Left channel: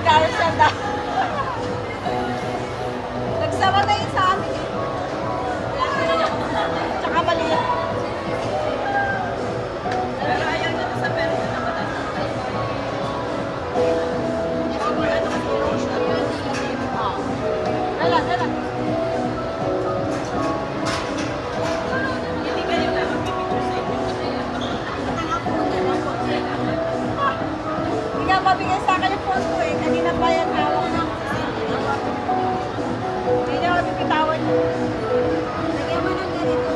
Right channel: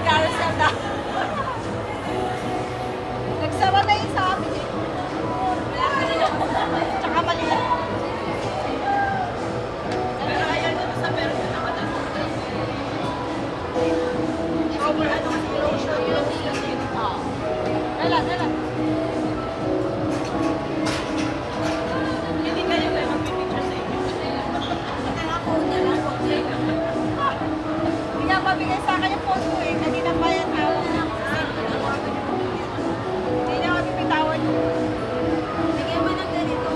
Carousel na. Nagsara na yung sa amin eh. Tsaka maliit. Pero ayaw nyo sa person na mataas. Over ano kasi erosion yun. Wala, wala. Hindi ka yung mag-picture sa Hindi nga mabigay sa akin yung phone ko eh. Kanina pa yan hawak na. Hindi na ako bibitawan. Lagyan mo ng ganito.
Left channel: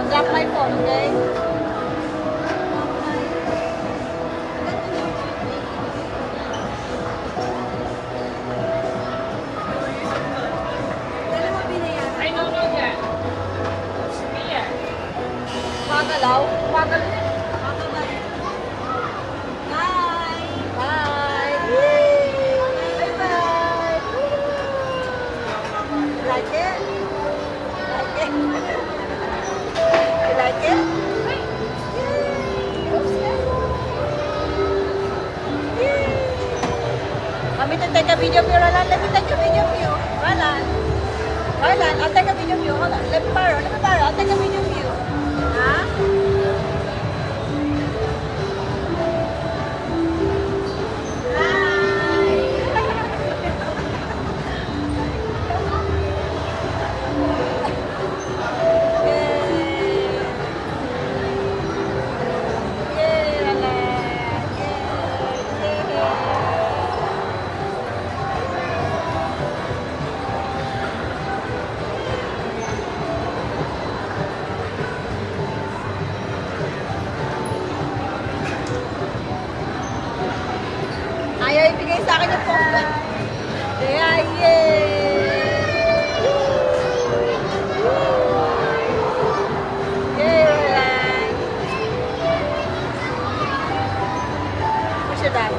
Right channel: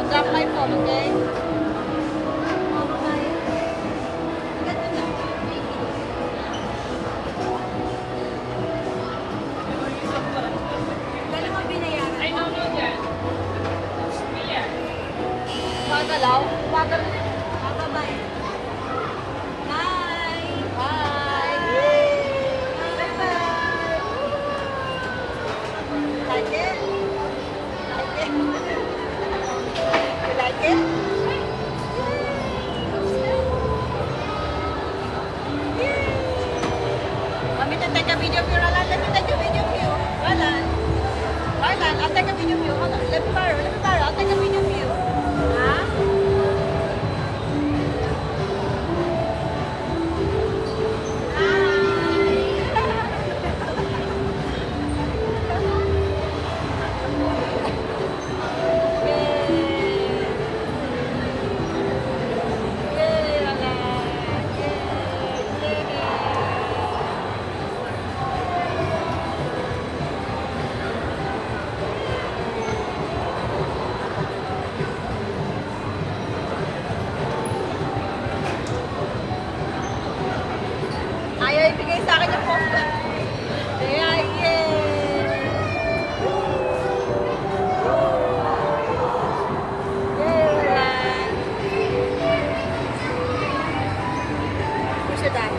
Mag-drop my phone, okay? Magalaw? Magalaw? Bye-bye. Bye! Bye! Bye-bye! Like it? Like it? You like it? Kami to take a video view. Wala, let me take a video view. Wala. Wala, I'll take a video view. Wala, let me tayo. I'll take a video view. Ha? Ayaw ibigay sa akin yung phone ko. Kaya, What's your dad?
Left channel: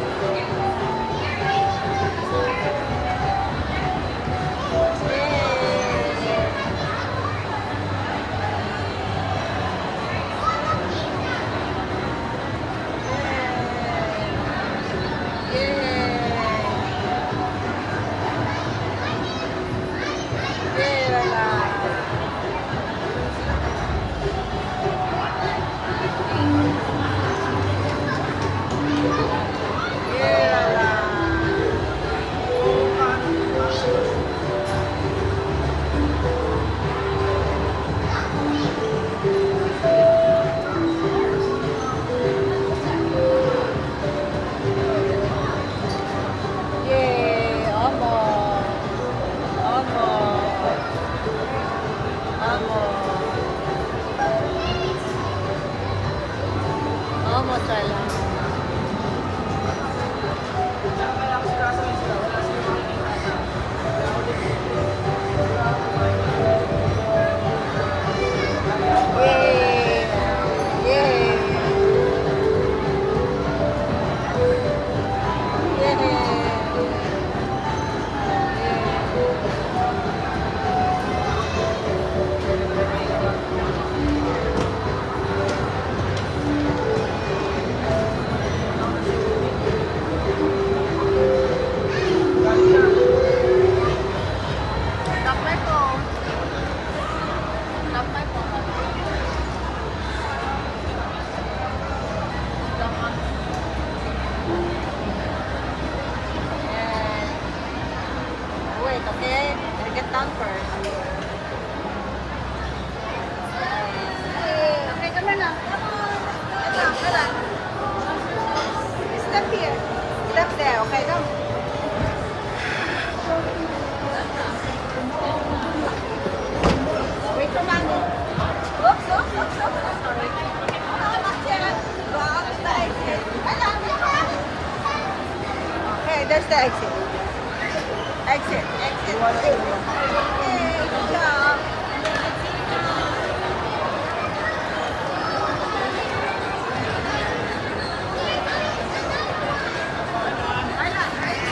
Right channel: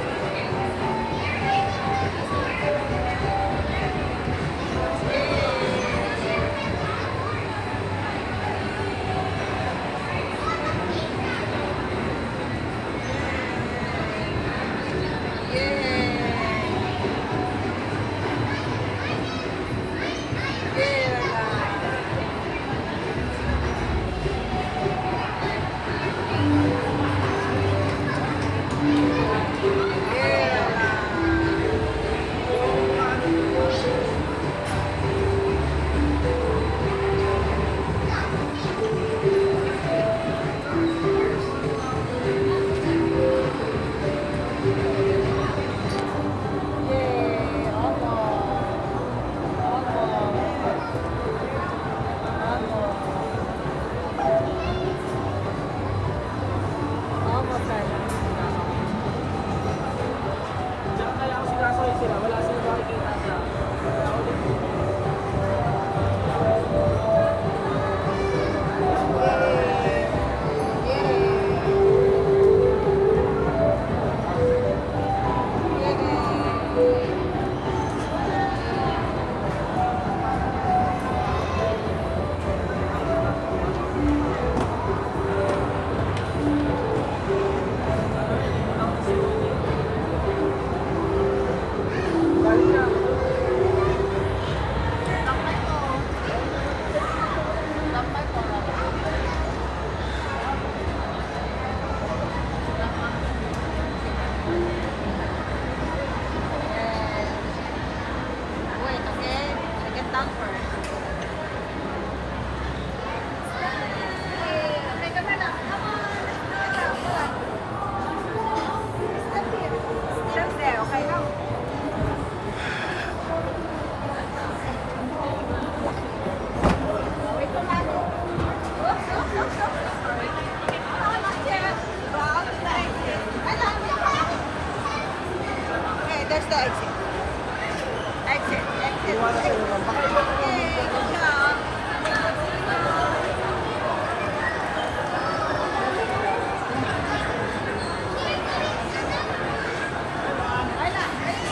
Wait, okay? I get down first. Okay, come lang. Step here. Step there, okay? No? Wait for mommy. Oops, oops, oops, oops. Sorry. Oh, not yet. Go out to the exit. Wait for mommy. Okay, there's the exit.